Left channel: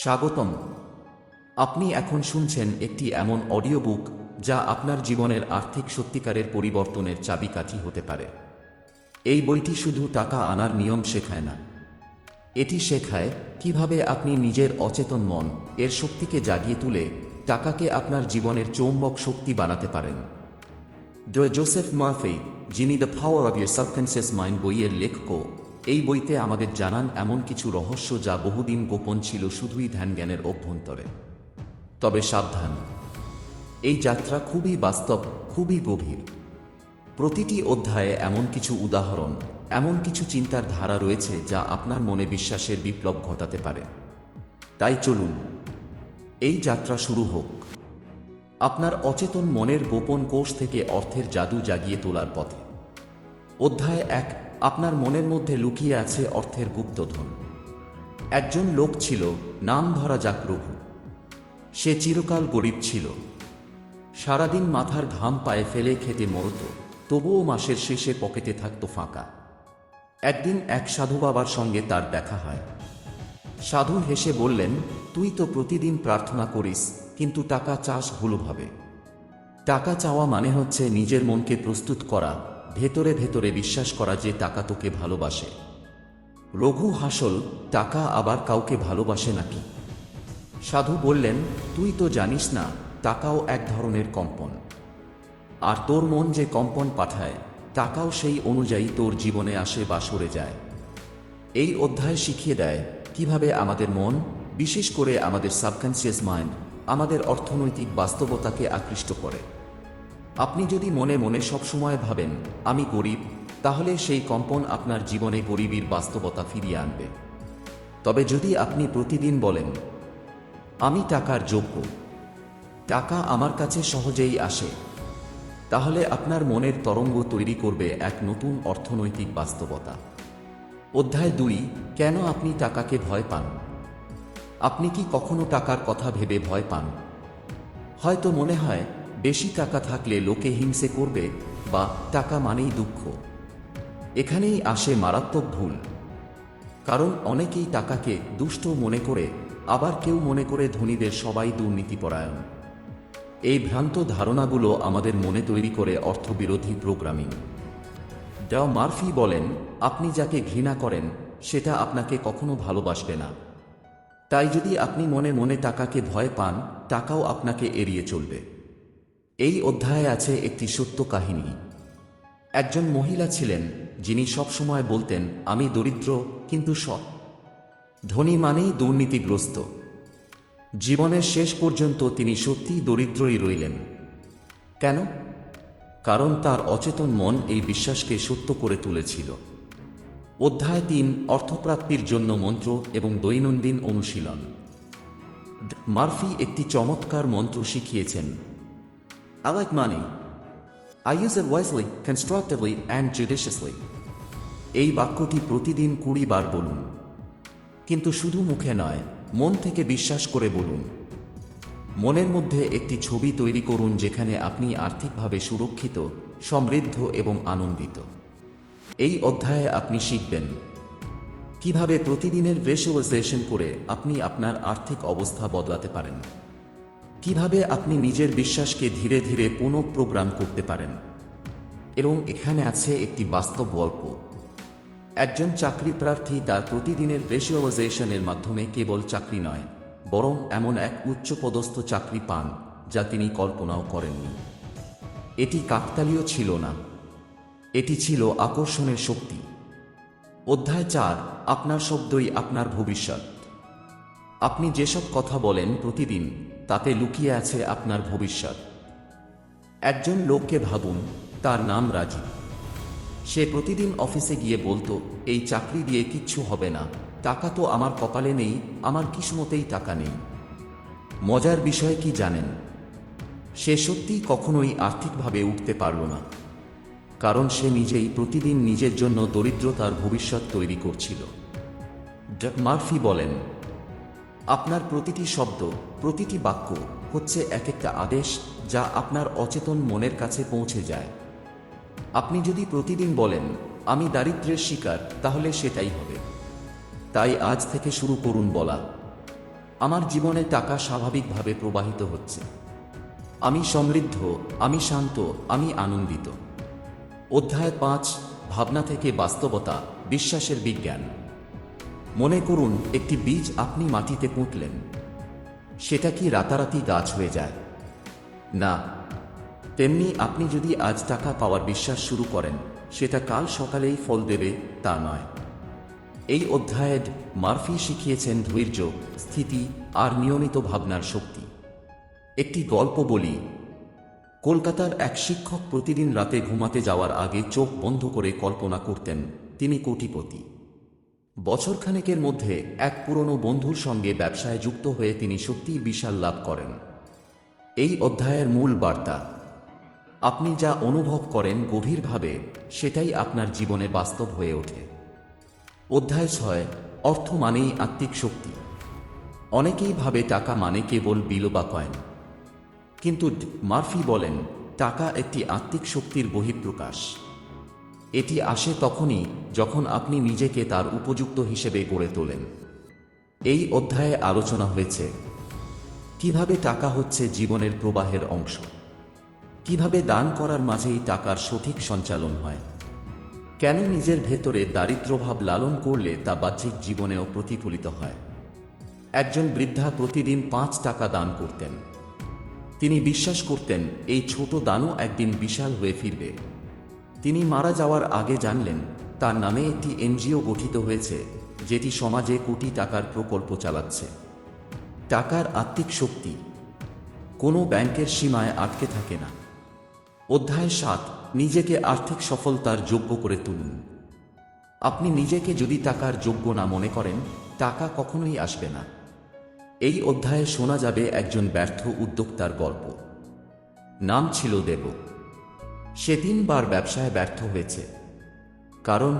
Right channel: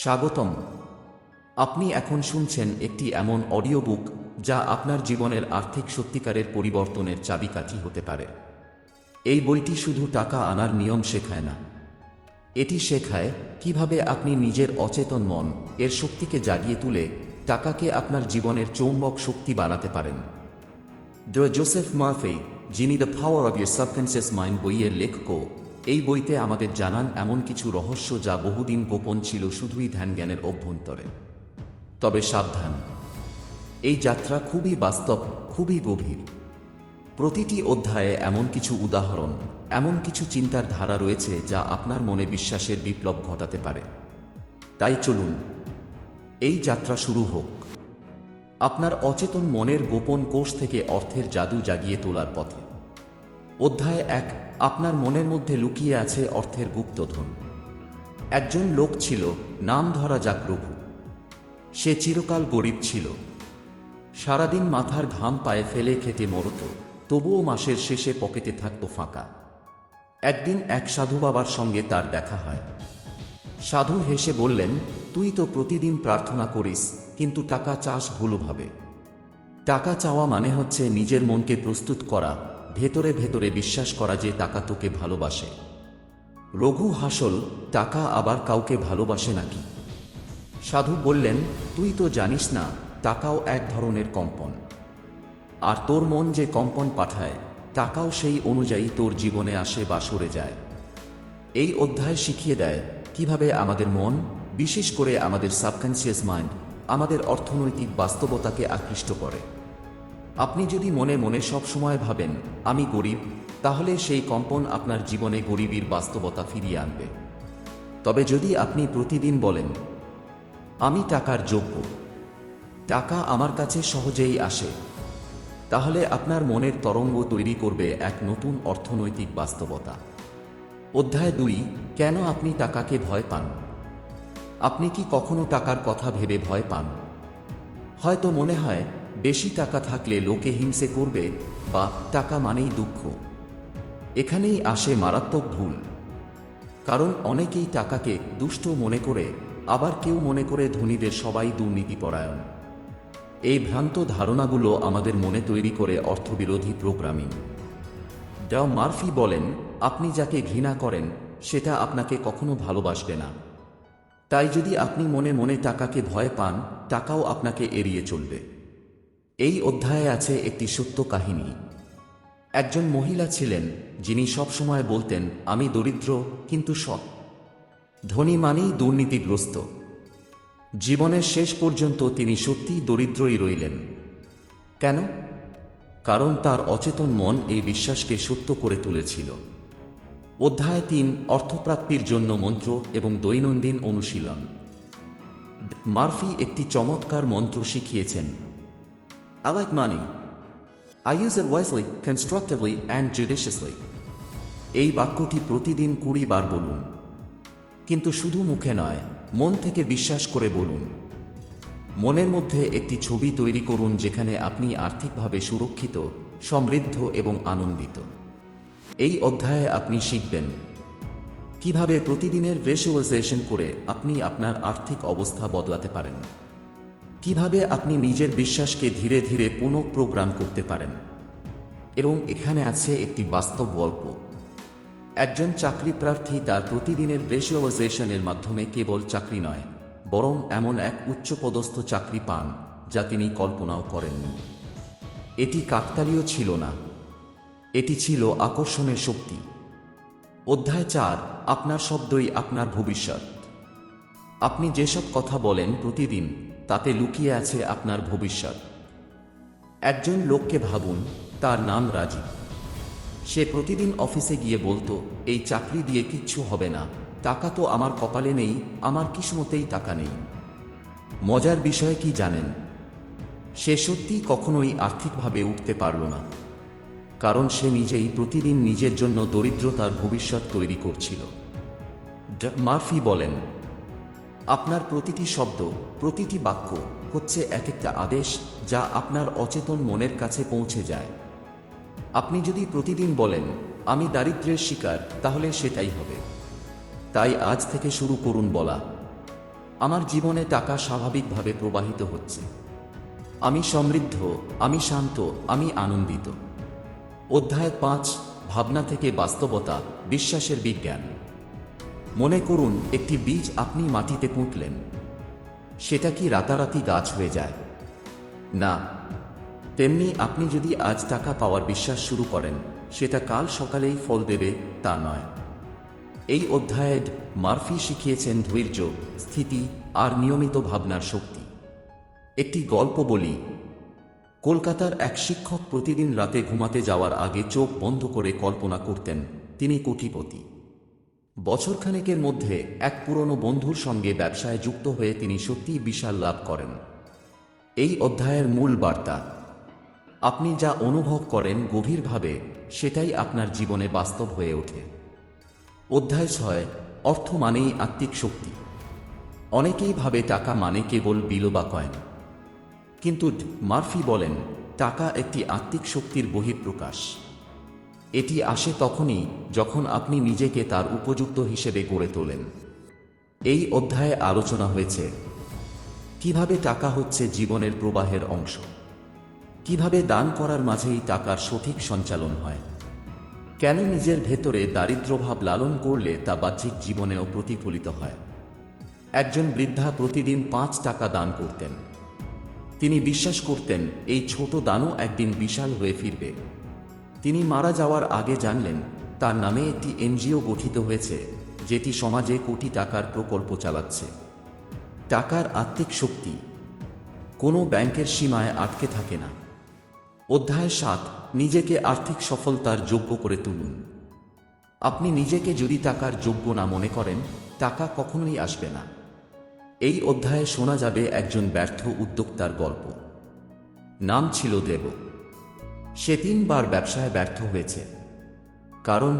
স্বাগতম। আপনি এখন শুনছেন একটি এমন অডিও বুক যা আপনার জীবনের আর্থিক সত্যিকারের পরিবর্তনের চাবিকাঠি হতে পারে। এই বইটি শুধু টাকা আনার নিয়ম শেখায় না, এটি শেখায় কিভাবে আপনি নিজের অচেতন মন এর শক্তিকে জাগিয়ে তুলে টাকাকে আপনার জীবনের চৌম্বক শক্তি বানাতে পারেন। জোসেফ মার্ফি, যিনি the power of your subconscious mind বইয়ের লেখক, এই বইতে আমাদের জানান এমন কিছু রহস্য যা বহুদিন গোপন ছিল শুধুই ধ্যানজ্ঞানের অভ্যন্তরে। তবে সাবধান, এই যাত্রা খুবই বাস্তব, খুবই গভীর। প্রতিটি অধ্যায়ে এমন কিছু উদাহরণ, এমন কিছু চিন্তার ধারা রয়েছে যা আপনার মনে বিশ্বাসের বিপ্লব ঘটাতে পারে। তাই চলুন, এই যাত্রা শুরু হোক। আপনার অচেতন মনের গোপন কোষ থেকে অর্থের জাদু জাগিয়ে তোলার পথে। অধ্যায় 1, আপনার মনের মধ্যে লুকিয়ে আছে অর্থের গুপ্তধন। একজন লোক ছিল, নাম ধরা যাক রঘু। সে চিরকাল গরিব ছিল। সারাদিন মাথার ঘাম পায়ে ফেলে খেটে মরত, তবুও মাসের শেষে পকেটে থাকত ফাঁকা। একদিন এক সাধু বাবার সঙ্গে তার দেখা হয়। সাধু হেসে বললেন, তুই তো প্রতিদিন প্রার্থনা করিস, কিন্তু টাকা চাস গুলোভাবে। টাকা চাওয়া মানে হচ্ছে নিজের মনকে প্রস্তুত করা, ভেতরে ভেতরে বিশ্বাস করা যে টাকা তোকে ভালোবাসে। রঘু হাসল, টাকা আবার কাউকে ভালোবাসে নাকি? সাধু বললেন, তুই তো জানিস না, টাকাও এক ধরনের কম্পন। আর তোর মন যে কম্পন পাঠায়, টাকাও সেই অনুযায়ী তোর জীবনে আসে বা সরে যায়। এই অধ্যায় শিখিয়ে দেয় কিভাবে আমাদের মন, বিশেষ করে আমাদের সাবকনসিয়াস মাইন্ড, আমাদের অর্থনৈতিক বাস্তবতাকে আকৃষ্ট করে। আপনি যদি মনে মনে সবসময় ভাবেন আমি গরিব, তাহলে সেই কম্পন আপনার জীবনে গরিবীর বাস্তবতা ফিরিয়ে আনবে। তবে যদি আপনি প্রতিদিন বলেন আমি টাকার যোগ্য, টাকা আমার কাছে সহজেই আসে, তাহলে আপনার মনের তরঙ্গ তৈরি করবে এক নতুন অর্থনৈতিক বাস্তবতা। অধ্যায় 2, কেন আপনি টাকাকে ভয় পান। আপনি কি কখনো টাকার কথা ভেবে ভয় পান? হয়তো মনে হয় বেশি টাকা থাকলে লোকে হিংসে করবে, বা টাকা মানেই দুঃখ। এখানেই আসে মারাত্মক ভুল। কারণ অনেকেই টাকাকে দুষ্ট মনে করে, আবার কেউ মনে করে ধনীদের সবাই দুর্নীতিপরায়ণ। এই ভ্রান্ত ধারণাগুলো আমাদের মনে তৈরি করে অর্থবিরোধী প্রোগ্রামিং। মার্ফি বলেন, আপনি যাকে ঘৃণা করেন সেটা আপনাকে কখনো ভালোবাসবে না। তাই যদি আপনি মনে মনে টাকাকে ভয় পান, টাকাও আপনাকে এড়িয়ে চলবে। এই অধ্যায়ে আছে একটি সত্য কাহিনী। একজন মহিলা ছিলেন যিনি সবসময় বলতেন আমি দরিদ্র কিন্তু সৎ। ধনী মানেই দুর্নীতিগ্রস্ত। জীবনের শেষ পর্যন্ত তিনি সত্যিই দরিদ্রই রইলেন। কেন? কারণ তার অচেতন মন এই বিশ্বাসকে সত্য করে তুলেছিল। অধ্যায় 3, অর্থপ্রাপ্তির জন্য মন্ত্র এবং দৈনন্দিন অনুশীলন। মার্ফি একটি চমৎকার মন্ত্র শিখিয়েছেন। I like money. I use it wisely, constructively and judiciously. এই বাক্যটি প্রতিদিন 20 বার বলুন। কিন্তু শুধু মুখে নয়, মন থেকে বিশ্বাস করে বলুন। মনের মধ্যে একটি ছবি তৈরি করুন যেখানে আপনি আর্থিকভাবে সুরক্ষিত, সমৃদ্ধ এবং আনন্দিত। এই অধ্যায়ে আপনি শিখবেন কিভাবে প্রতিদিনের ভিজুয়ালাইজেশন করে আপনি আপনার আর্থিক অবস্থা বদলাতে পারেন, কিভাবে আপনি নিজের বিশ্বাসকে ধীরে ধীরে পুনঃপ্রোগ্রাম করতে পারেন। এবং এখানে আছে একটি বাস্তব গল্প। একজন চাকরি প্রার্থী তার প্রতিদিনের ভিজুয়ালাইজেশনের মাধ্যমে কেবল চাকরি নয়, বরং এমন এক উচ্চপদস্থ চাকরি পান যা তিনি কল্পনাও করেননি। এটি কাকতালীয় ছিল না, এটি ছিল আকর্ষণের শক্তি। অধ্যায় 4, আপনার শব্দই আপনার ভবিষ্যৎ। আপনি যেসব কথা বলেন প্রতিদিন, তাতে লুকিয়ে আছে আপনার ভবিষ্যৎ। একজন লোককে ভাবুন, তার নাম রাজীব। সে প্রতিদিন অফিসে গিয়ে বলতো, এই চাকরি দিয়ে কিচ্ছু হবে না, টাকা তো আমার কপালে নেই, আমার কিসমতেই টাকা নেই। মজার বিষয় কি জানেন? সে সত্যিই কখনোই আর্থিকভাবে উঠতে পারল না, কারণ সে নিজেই প্রতিদিন নিজের জন্য দরিদ্রতার ভবিষ্যৎ তৈরি করছিল। মার্ফি বলেন, আপনার প্রতিটি শব্দ, প্রতিটি বাক্য হচ্ছে এক একটা আদেশ যা আপনার অচেতন মনের কাছে পৌঁছে যায়। আপনি যদি প্রতিদিন বলেন আমি দারিদ্র্যের শিকার, তাহলে সেটাই হবে। তাই আজ থেকে শুরু করুন বলা, আমার জীবনে টাকা স্বাভাবিকভাবে প্রবাহিত হচ্ছে। আমি সমৃদ্ধ, আমি শান্ত, আমি আনন্দিত। অধ্যায় 5, ভাবনা থেকে বাস্তবতা, বিশ্বাসের বিজ্ঞান। মনে করুন একটি বীজ আপনি মাটিতে পুঁতলেন। সেটা কি রাতারাতি গাছ হয়ে যায়? না। তেমনি আপনি যদি আজ টাকা পাওয়ার বিশ্বাস শুরু করেন, সেটা কাল সকালেই ফল দেবে তা নয়। এই অধ্যায়ে মার্ফি শিখিয়েছেন ধৈর্য, স্থিতি আর নিয়মিত ভাবনার শক্তি। একটি গল্প বলি। কলকাতার এক শিক্ষক প্রতিদিন রাতে ঘুমাতে যাওয়ার আগে চোখ বন্ধ করে কল্পনা করতেন তিনি কোটিপতি। বছরখানেকের মধ্যে এক পুরনো বন্ধুর সঙ্গে ব্যবসায় যুক্ত হয়ে তিনি সত্যিই বিশাল লাভ করেন। এই অধ্যায়ের মূল বার্তা, আপনি যা অনুভব করেন গভীরভাবে, সেটাই আপনার জীবনে বাস্তব হয়ে ওঠে। অধ্যায় 6, অর্থ মানেই আত্মিক শক্তি। অনেকেই ভাবে টাকা মানে কেবল বিল বা কয়েন, কিন্তু মার্ফি বলেন টাকা একটি আত্মিক শক্তির বহিঃপ্রকাশ। এটি আসে তখনই যখন আপনি নিজেকে তার উপযুক্ত হিসেবে গড়ে তোলেন। এই অধ্যায়ে আলোচনা হয়েছে কিভাবে টাকা হচ্ছে জীবনের প্রবাহের অংশ, কিভাবে দান করার মাঝেই টাকার সঠিক সঞ্চালন হয়, কেন নিজের ভেতরে দারিদ্র্যভাব লালন করলে তা বাহ্যিক জীবনেও প্রতিফলিত হয়। একজন বৃদ্ধা প্রতিদিন 5 টাকা দান করতেন। তিনি বিশ্বাস করতেন এই ছোট দানও একদিন বিশাল হয়ে ফিরবে। তিনি মারা যাওয়ার আগে জানলেন তার নামে একটি এনজিও গঠিত হয়েছে, যেটি সমাজে কোটি টাকার প্রকল্প চালাচ্ছে। টাকার আত্মিক শক্তি কোনো ব্যাংকের সীমায় আটকে থাকে না। অধ্যায় 7, নিজেকে আর্থিক সফলতার যোগ্য করে তুলুন। আপনি নিজেকে যদি টাকার যোগ্য না মনে করেন, টাকা কখনোই আসবে না। এই অধ্যায়ে শোনা যাবে একজন ব্যর্থ উদ্যোক্তার গল্প। নাম ছিল দেব। সে 3 বার ব্যবসায় ব্যর্থ হয়েছে। কারণ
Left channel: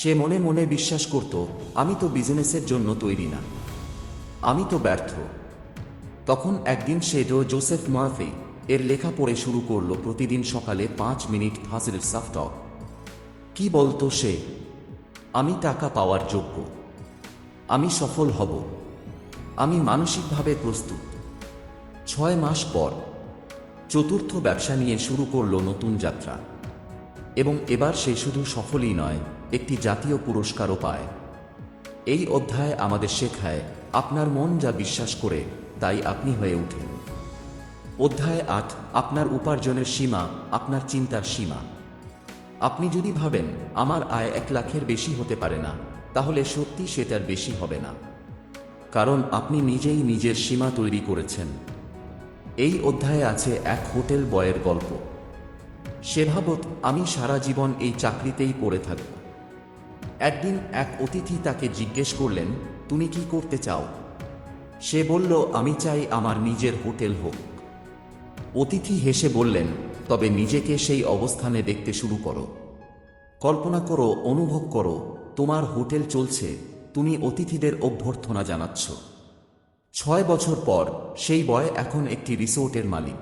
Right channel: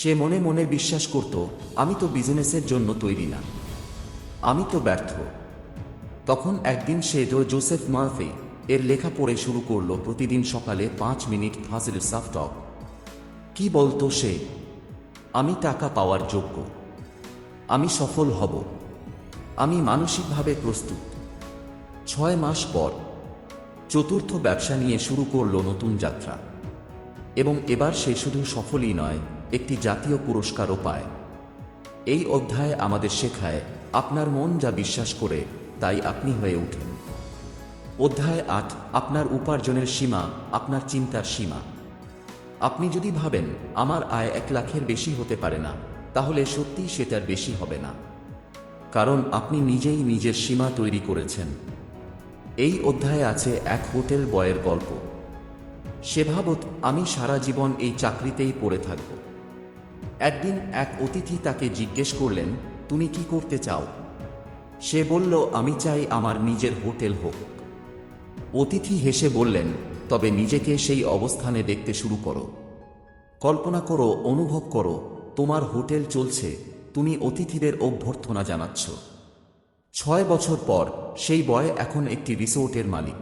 সে মনে মনে বিশ্বাস করত, আমি তো বিজনেসের জন্য তৈরি না, আমি তো ব্যর্থ। তখন একদিন সে জোসেফ মার্ফি এর লেখা পড়ে শুরু করলো। প্রতিদিন সকালে 5 মিনিট হাসিল সাফ টক। কি বলতো সে? আমি টাকা পাওয়ার যোগ্য, আমি সফল হব, আমি মানসিকভাবে প্রস্তুত। 6 মাস পর চতুর্থ ব্যবসা নিয়ে শুরু করলো নতুন যাত্রা। এবং এবার সে শুধু সফলই নয়, একটি জাতীয় পুরস্কারও পায়। এই অধ্যায় আমাদের শেখায় আপনার মন যা বিশ্বাস করে তাই আপনি হয়ে ওঠেন। অধ্যায় 8, আপনার উপার্জনের সীমা, আপনার চিন্তার সীমা। আপনি যদি ভাবেন আমার আয় 1 লাখের বেশি হতে পারে না, তাহলে সত্যি সেটার বেশি হবে না, কারণ আপনি নিজেই নিজের সীমা তৈরি করেছেন। এই অধ্যায়ে আছে এক হোটেল বয়ের গল্প। সে ভাবত, আমি সারা জীবন এই চাকরিতেই পড়ে থাকব। একদিন এক অতিথি তাকে জিজ্ঞেস করলেন, তুমি কি করতে চাও? সে বলল, আমি চাই আমার নিজের হোটেল হোক। অতিথি হেসে বললেন, তবে নিজেকে সেই অবস্থানে দেখতে শুরু করো। কল্পনা করো, অনুভব করো, তোমার হোটেল চলছে, তুমি অতিথিদের অভ্যর্থনা জানাচ্ছ। 6 বছর পর সেই বয় এখন একটি রিসোর্টের মালিক।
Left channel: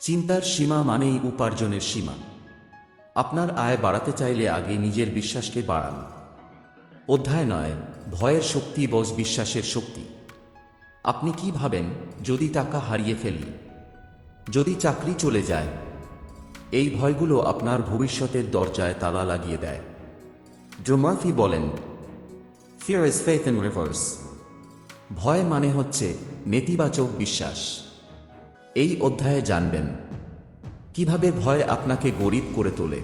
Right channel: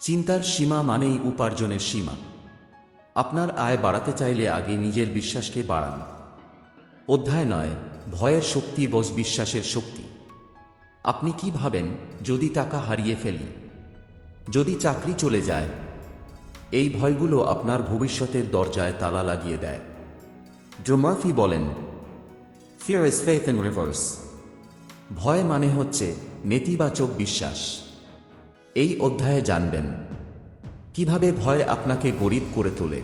চিন্তার সীমা মানেই উপার্জনের সীমা। আপনার আয় বাড়াতে চাইলে আগে নিজের বিশ্বাসকে বাড়ান। অধ্যায় 9, ভয়ের শক্তি বস বিশ্বাসের শক্তি। আপনি কি ভাবেন, যদি টাকা হারিয়ে ফেলি, যদি চাকরি চলে যায়? এই ভয়গুলো আপনার ভবিষ্যতের দরজায় তালা লাগিয়ে দেয়। ড্রোমর্ফি বলেন, Fear is faith in reverse. ভয় মানে হচ্ছে নেতিবাচক বিশ্বাস। এই অধ্যায়ে জানবেন কিভাবে ভয় আপনাকে গরিব করে তোলে,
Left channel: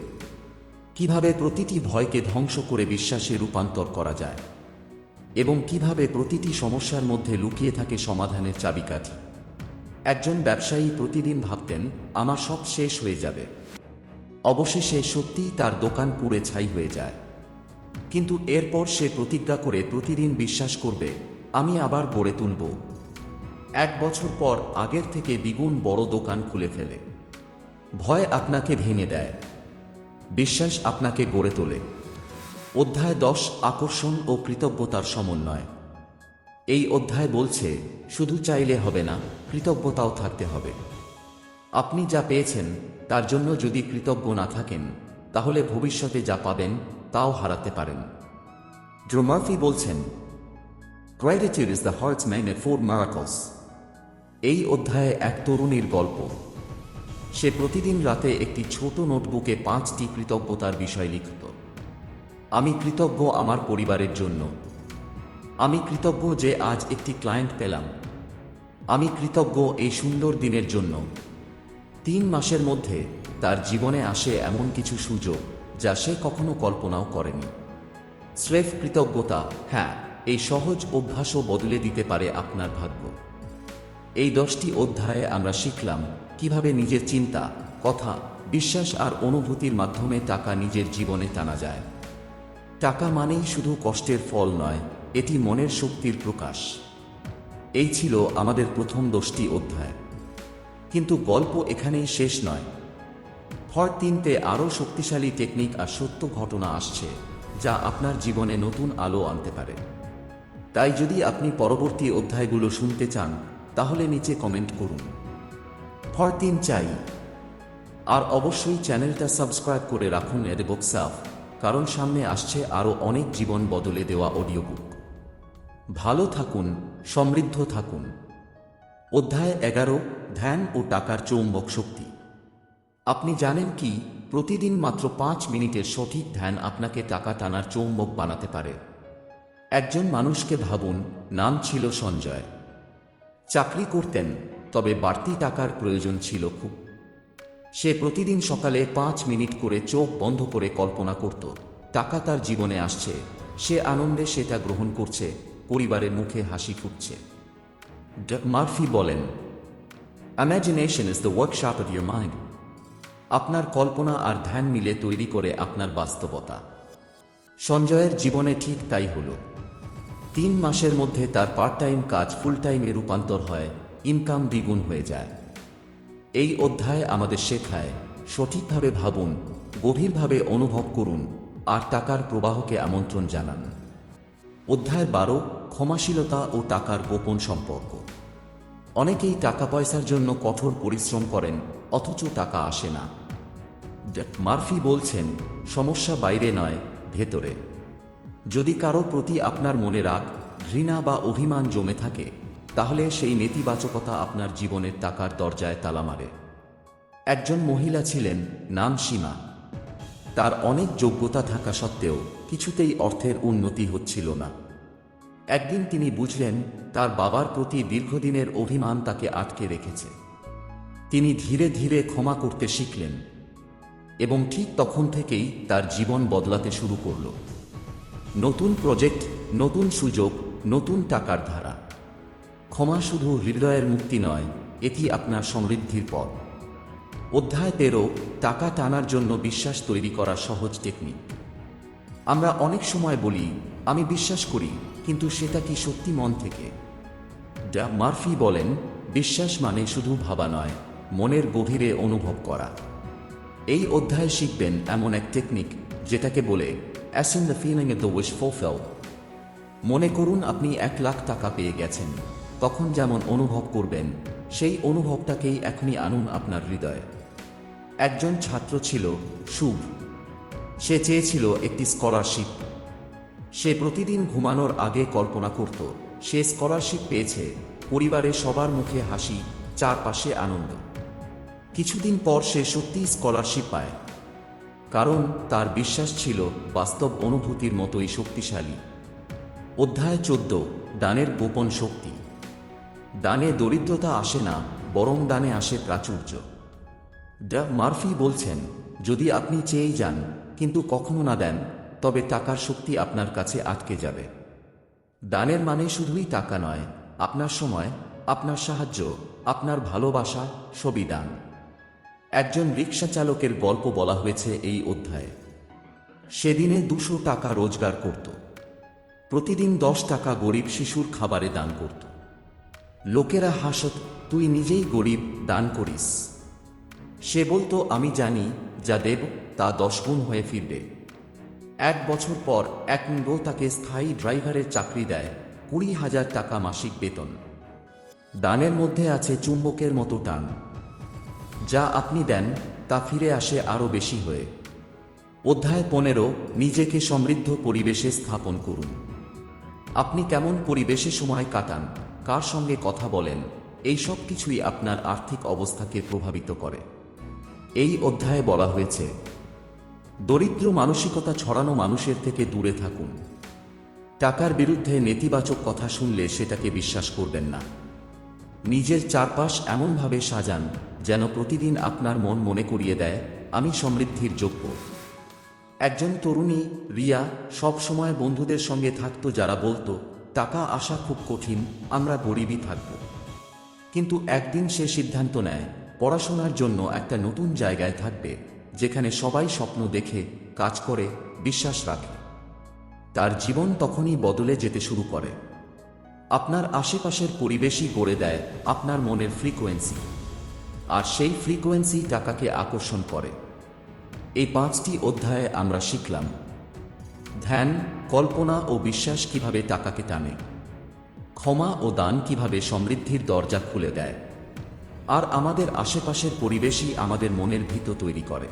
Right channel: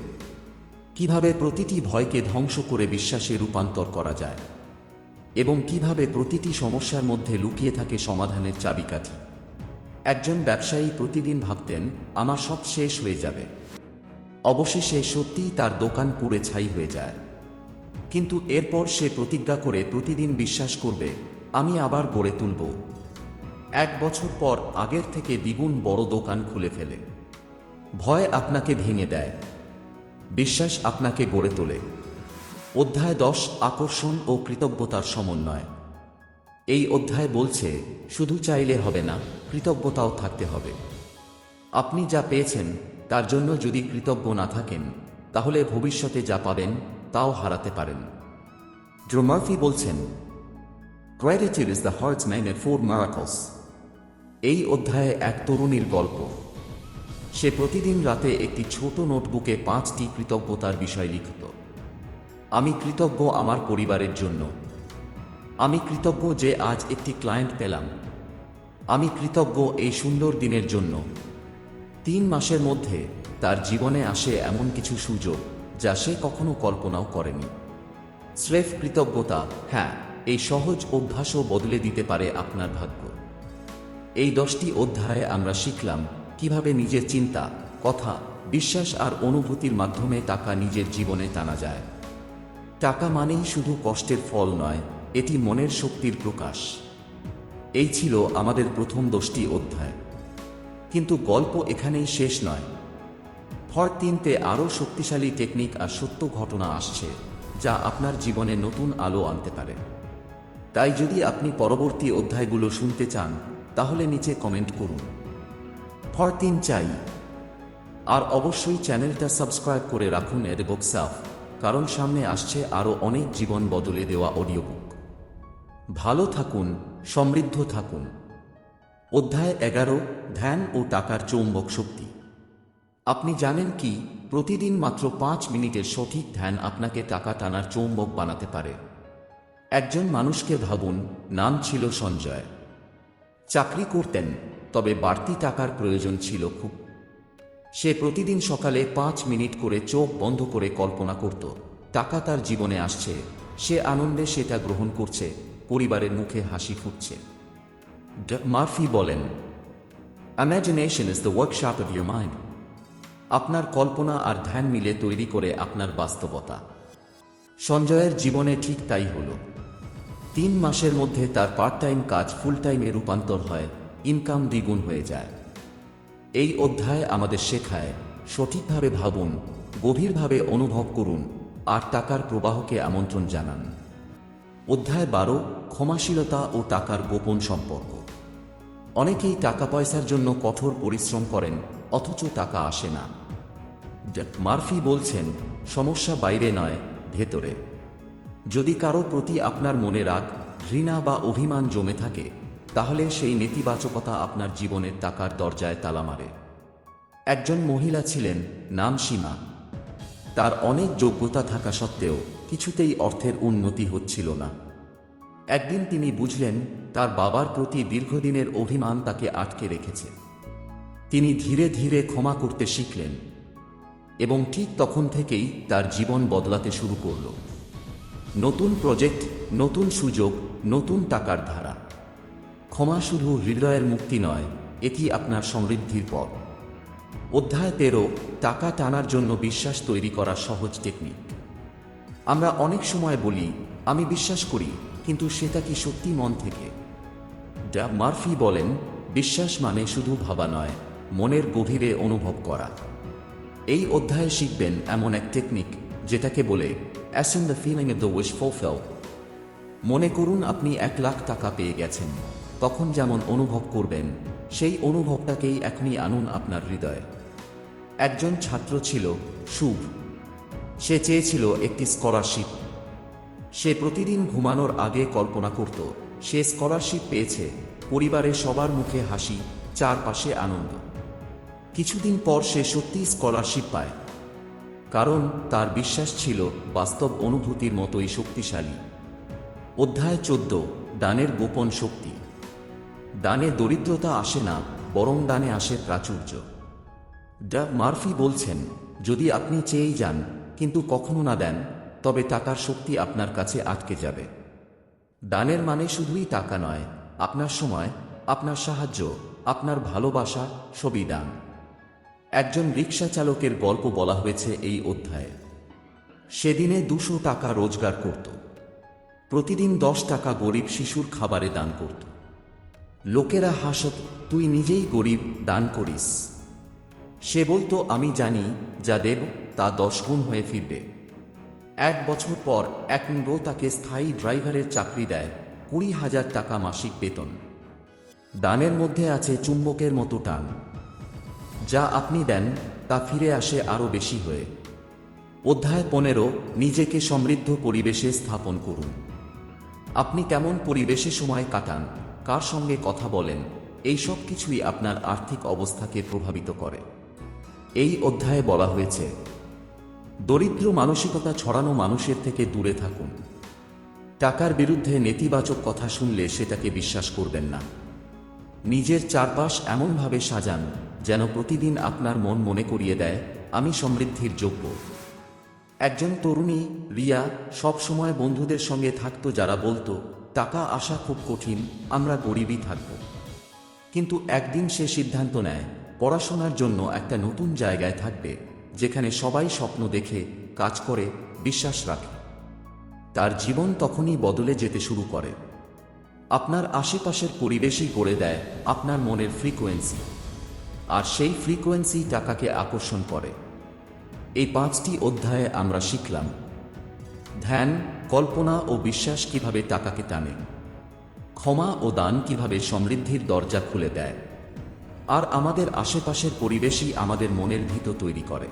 কিভাবে প্রতিটি ভয়কে ধ্বংস করে বিশ্বাসে রূপান্তর করা যায়, এবং কিভাবে প্রতিটি সমস্যার মধ্যে লুকিয়ে থাকে সমাধানের চাবিকাঠি। একজন ব্যবসায়ী প্রতিদিন ভাবতেন, আমার সব শেষ হয়ে যাবে। অবশেষে সত্যিই তার দোকান পুড়ে ছাই হয়ে যায়। কিন্তু এরপর সে প্রতিজ্ঞা করে প্রতিদিন বিশ্বাস করবে, আমি আবার গড়ে তুলব। 1 বছর পর আগের থেকে দ্বিগুণ বড় দোকান খুলে ফেলে। ভয় আপনাকে ভেঙে দেয়, বিশ্বাস আপনাকে গড়ে তোলে। অধ্যায় 10, আকর্ষণ ও কৃতজ্ঞতার সমন্বয়। এই অধ্যায় বলছে, শুধু চাইলে হবে না, কৃতজ্ঞতাও থাকতে হবে। আপনি যা পেয়েছেন তার জন্য যদি কৃতজ্ঞ না থাকেন, তাহলে ভবিষ্যতে যা পাবেন তাও হারাতে পারেন। ড্রোমার্ফি বলছেন, Gratitude is the heart's magnet for miracles. এই অধ্যায়ে এক তরুণীর গল্প। সে প্রতিদিন রাতে একটি ছোট নোটবুকে 5টি কৃতজ্ঞতার বিষয় লিখত। আমি কৃতজ্ঞ আমার পরিবারের জন্য। আমি কৃতজ্ঞ যে আজ একটি ক্লায়েন্ট পেলাম। আমি কৃতজ্ঞ এই সুন্দর দিনের জন্য। 3 মাসের মধ্যে তার জীবনে আসে এমন কিছু সুযোগ যা সে কখনো কল্পনাও করেনি। স্রেফ কৃতজ্ঞতা, হ্যাঁ, এই সহজ অভ্যাসও বদলে দিতে পারে আপনার ভাগ্য। এই 10টি অধ্যায়ে আমরা শিখলাম কিভাবে নিজের চিন্তা, কথা, বিশ্বাস আর অনুভূতির মাধ্যমে টাকা নিজের জীবনে টানা যায়। টাকা মানেই শুধু কষ্টের ফল নয়, এটি মনের শক্তির প্রকাশ। এই ছিল আমাদের প্রথম 10টি অধ্যায়। কিন্তু গল্প এখানেই শেষ নয়। পার্ট 3-তে আরও শক্তিশালী টেকনিক আর সত্য ঘটনা আসছে যা আপনার জীবনে নতুন আলো আনতে পারে। তাই যদি আপনি পরবর্তী অধ্যায়গুলো শুনতে চান তাহলে নিচে কমেন্ট করুন পার্ট 3 চাই। আর অবশ্যই চ্যানেলটা সাবস্ক্রাইব করে রাখুন এডবুক সাফ, কারণ সামনে আসছে আরও অনেক জীবন বদলে দেওয়া অডিও বুক। ভালো থাকুন, সমৃদ্ধ থাকুন। অধ্যায় 11, ধ্যান ও টাকার চৌম্বক শক্তি। আপনি জানেন কি, প্রতিদিন মাত্র 5 মিনিটের সঠিক ধ্যান আপনাকে টাকা টানার চৌম্বক বানাতে পারে। একজন মানুষকে ভাবুন, নাম ছিল সঞ্জয়। চাকরি করতেন, তবে বাড়তি টাকার প্রয়োজন ছিল খুব। সে প্রতিদিন সকালে 5 মিনিট করে চোখ বন্ধ করে কল্পনা করত টাকা তার জীবনে আসছে, সে আনন্দে সেটা গ্রহণ করছে, পরিবারের মুখে হাসি ফুটছে। মার্ফি বলেন, imagination is the workshop of your mind. আপনার কল্পনা আর ধ্যান মিলে তৈরি করে আপনার বাস্তবতা। সঞ্জয়ের জীবনে ঠিক তাই হলো। 3 মাসের মধ্যে তার পার্ট টাইম কাজ ফুল টাইমে রূপান্তর হয়, ইনকাম দ্বিগুণ হয়ে যায়। এই অধ্যায় আমাদের শেখায়, সঠিকভাবে ভাবুন, গভীরভাবে অনুভব করুন আর টাকার প্রবাহকে আমন্ত্রণ জানান। অধ্যায় 12, ক্ষমাশীলতা ও টাকার গোপন সম্পর্ক। অনেকেই টাকা পয়সার জন্য কঠোর পরিশ্রম করেন, অথচ টাকা আসে না। মার্ফি বলছেন, সমস্যা বাইরে নয়, ভেতরে। যদি কারো প্রতি আপনার মনে রাগ, ঘৃণা বা অভিমান জমে থাকে, তাহলে সেই নেতিবাচকতা আপনার জীবনের টাকার দরজায় তালা মারে। একজন মহিলা ছিলেন, নাম সীমা। তার অনেক যোগ্যতা থাকা সত্ত্বেও কিছুতেই অর্থের উন্নতি হচ্ছিল না। একদিন তিনি বুঝলেন তার বাবার প্রতি দীর্ঘদিনের অভিমান তাকে আটকে রেখেছে। তিনি ধীরে ধীরে ক্ষমা করতে শিখলেন এবং ঠিক তখন থেকেই তার জীবন বদলাতে শুরু করল। নতুন প্রজেক্ট, নতুন সুযোগ, নতুন টাকার ধারা। ক্ষমা শুধু হৃদয়ের মুক্তি নয়, এটি আপনার সমৃদ্ধির পথ। অধ্যায় 13, টাকা টানার জন্য বিশ্বাস তৈরি করার সহজ টেকনিক। আমরা অনেক সময় বলি, আমি বিশ্বাস করি, কিন্তু সেটা কি সত্যি মন থেকে? মার্ফি বলেন, বিশ্বাস মানে শুধু ভাবা নয়, মনের গভীরে অনুভব করা। এই অধ্যায়ে শিখবেন এমন এক টেকনিক যেটাকে বলে assume the feeling of the wish fulfil. মনে করুন আপনি 1 লাখ টাকা পেয়ে গেছেন, তখন যেমন অনুভব করবেন সেই অনুভবটাকেই এখনই আনুন আপনার হৃদয়ে। একজন ছাত্র ছিল, শুভ। সে চেয়েছিল একটি স্কলারশিপ। সে প্রতিদিন ঘুমানোর আগে কল্পনা করত সে স্কলারশিপ পেয়েছে, পরিবারের সবার মুখে হাসি, চারপাশে আনন্দ। কিছুদিন পর সে সত্যিই স্কলারশিপ পায়, কারণ তার বিশ্বাস ছিল বাস্তব অনুভূতির মতোই শক্তিশালী। অধ্যায় 14, দানের গোপন শক্তি। দানে দরিদ্রতা আসে না, বরং দানে আসে প্রাচুর্য। মার্ফি বলছেন, যদি আপনি চেয়েই যান কিন্তু কখনো না দেন, তবে টাকার শক্তি আপনার কাছে আটকে যাবে। দানের মানে শুধুই টাকা নয়, আপনার সময়, আপনার সাহায্য, আপনার ভালোবাসা, সবই দান। একজন রিক্সা চালকের গল্প বলা হয়েছে এই অধ্যায়ে। সেদিনে 200 টাকা রোজগার করত। প্রতিদিন 10 টাকা গরিব শিশুর খাবারে দান করত। লোকেরা হাসত, তুই নিজেই গরিব, দান করিস। সে বলতো, আমি জানি যা দেব তা 10 গুণ হয়ে ফিরবে। 1 বছর পর এক বউ তাকে স্থায়ী ড্রাইভারের চাকরি দেয়, 20,000 টাকা মাসিক বেতন। দানের মধ্যে আছে চুম্বকের মতো টান। যা আপনি দেন তা ফিরে আসে আরো বেশি হয়ে। অধ্যায় 15, নিজেকে সমৃদ্ধ পরিবেশে স্থাপন করুন। আপনি কেমন পরিবেশে সময় কাটান, কার সঙ্গে কথা বলেন, এই সব কিছুই আপনার আর্থিক অবস্থাকে প্রভাবিত করে। এই অধ্যায়ে বলা হয়েছে, দরিদ্র মানসিকতা ছড়ানো মানুষের থেকে দূরে থাকুন। টাকার বিরুদ্ধে নেতিবাচক কথা শুনলে সেটাকে বিশ্বাস করবেন না। নিজের চারপাশ এমনভাবে সাজান যেন প্রতিদিন আপনার মন মনে করিয়ে দেয়, আমি সমৃদ্ধির যোগ্য। একজন তরুণী, রিয়া, সব সময় বন্ধুদের সঙ্গে থাকতো যারা বলতো, টাকা আসা খুব কঠিন, আমরা গরিবই থাকব। কিন্তু একদিন সে সিদ্ধান্ত নেয় পড়াশোনার জন্য একটা নতুন জায়গায় থাকবে, যেখানে সবাই স্বপ্ন দেখে, কাজ করে, বিশ্বাস রাখে। তার জীবন তখনই বদলে যেতে শুরু করে। আপনার আশেপাশের পরিবেশই গড়ে দেয় আপনার মনের ফ্রিকোয়েন্সি, আর সেই ফ্রিকোয়েন্সি টাকাকে আকর্ষণ করে। এই 5টি অধ্যায়ে আমরা শিখলাম ধ্যান, কল্পনা ও বিশ্বাস কিভাবে টাকাকে টানে, ক্ষমা ও দান কিভাবে সমৃদ্ধির দরজা খুলে দেয়, আর আমাদের আশেপাশের পরিবেশই আমাদের মনের ভিত তৈরি করে।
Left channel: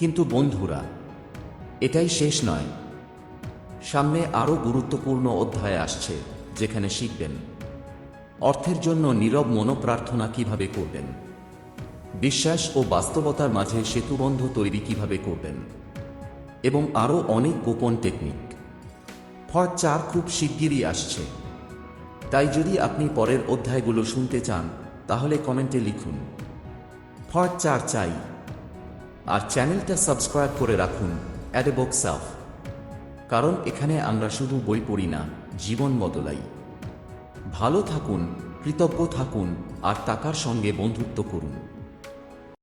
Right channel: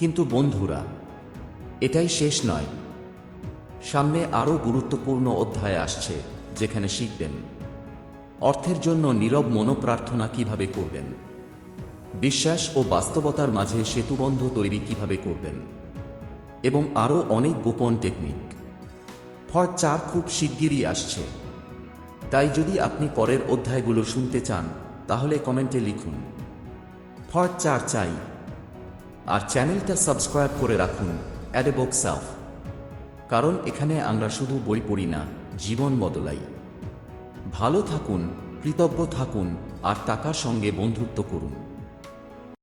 কিন্তু বন্ধুরা, এটাই শেষ নয়। সামনে আরও গুরুত্বপূর্ণ অধ্যায় আসছে, যেখানে শিখবেন অর্থের জন্য নীরব মনোপ্রার্থনা কিভাবে করবেন, বিশ্বাস ও বাস্তবতার মাঝে সেতুবন্ধ তৈরি কিভাবে করবেন, এবং আরও অনেক গোপন টেকনিক। পার্ট 4 খুব শিগগিরই আসছে। তাই যদি আপনি পরের অধ্যায়গুলো শুনতে চান, তাহলে কমেন্টে লিখুন পার্ট 4 চাই। আর চ্যানেলটা সাবস্ক্রাইব করে রাখুন অ্যাট এ বুক সেলফ, কারণ এখানে আমরা শুধু বই পড়ি না, জীবন বদলাই। ভালো থাকুন, কৃতজ্ঞ থাকুন, আর টাকার সঙ্গে বন্ধুত্ব করুন।